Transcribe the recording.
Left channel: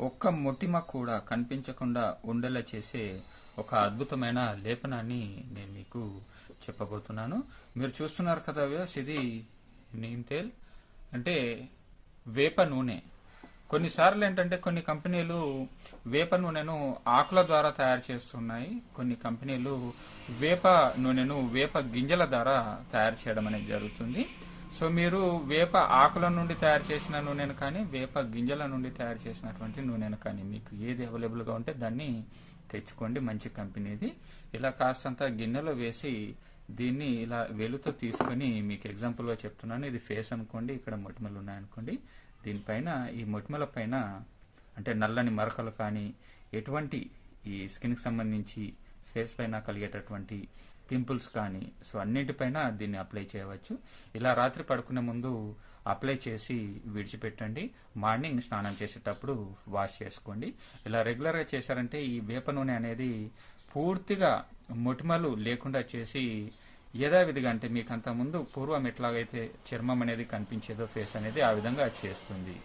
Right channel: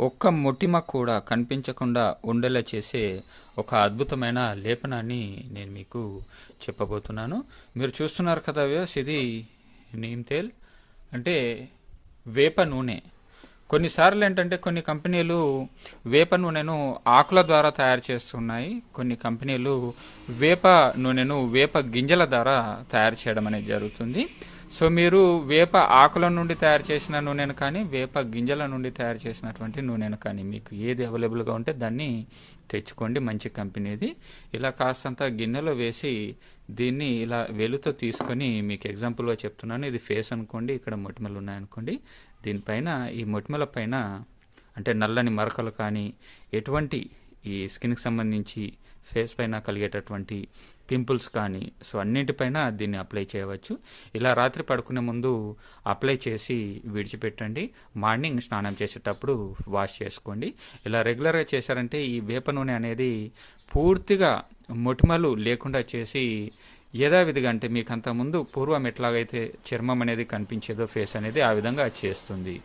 ఒక్క మొటిమ కూడా కనిపించకుండా ఉండేలా చేసే ఒక అద్భుతమైన లేపనాన్ని నేను మీకు చెప్పబోతున్నాను. మీరు చూస్తున్నారు కదా వ్యూస్ ఇది నీమ్ తేల్. అంటే వేప నూనె. కొన్నిసార్లు ఏంటంటే కొన్ని కంపెనీలు వేప నూనెను ఆకుల ద్వారా తయారు చేస్తున్నాయి. కొన్ని కంపెనీలు వేప నూనెను వేప గింజల ద్వారా తయారు చేయడం అనేది జరుగుతుంది. సో మీరు వేప ఆకుల నుండి తయారు చేసిన నూనెను కానీ వేప గింజల నుండి తయారు చేసినటువంటి నూనెను కానీ మీకు ఏది అవైలబుల్గా ఉంటే దాన్ని తెచ్చుకోండి మంచి కంపెనీది. ఇలా కాస్తంత గిన్నెలో వేసి దీన్ని ఇలా వెలుతో తీసుకొని మీకు ఎగ్జాంపుల్గా చెప్తున్నాను. ఇది ఫేస్ అనుకోండి ఇక్కడ మొటిమలు ఉన్నాయనుకోండి. దీనిపైన ఈ మొటిమల పైన అంటే నల్లని మరకలు కానీ ఎటువంటి ఈ స్కిన్కి సంబంధించి ఫేస్ పైన కలిగేటటువంటి పింపుల్స్ కానీ సో అన్నింటిపైన దీన్ని అప్లై చేయవచ్చు. ఇలా రాత్రి పడుకునే ముందు అప్లై చేసి విడిచిపెట్టండి. మార్నింగ్ స్నానం చేసేటప్పుడు వాష్ చేసుకోండి. ఇలా రెగ్యులర్గా చేశారంటే ఈ వేప నూనె అనేది పూర్తిగా మొటిమలు లేకుండా చేసి యథావిధిగా అంటే మీకు అంత ముందు పూర్వం ఎట్లాగైతే చర్మం అనేది కనిపించేదో ఫేస్ అనేది ఆ విధంగా చేస్తుంది.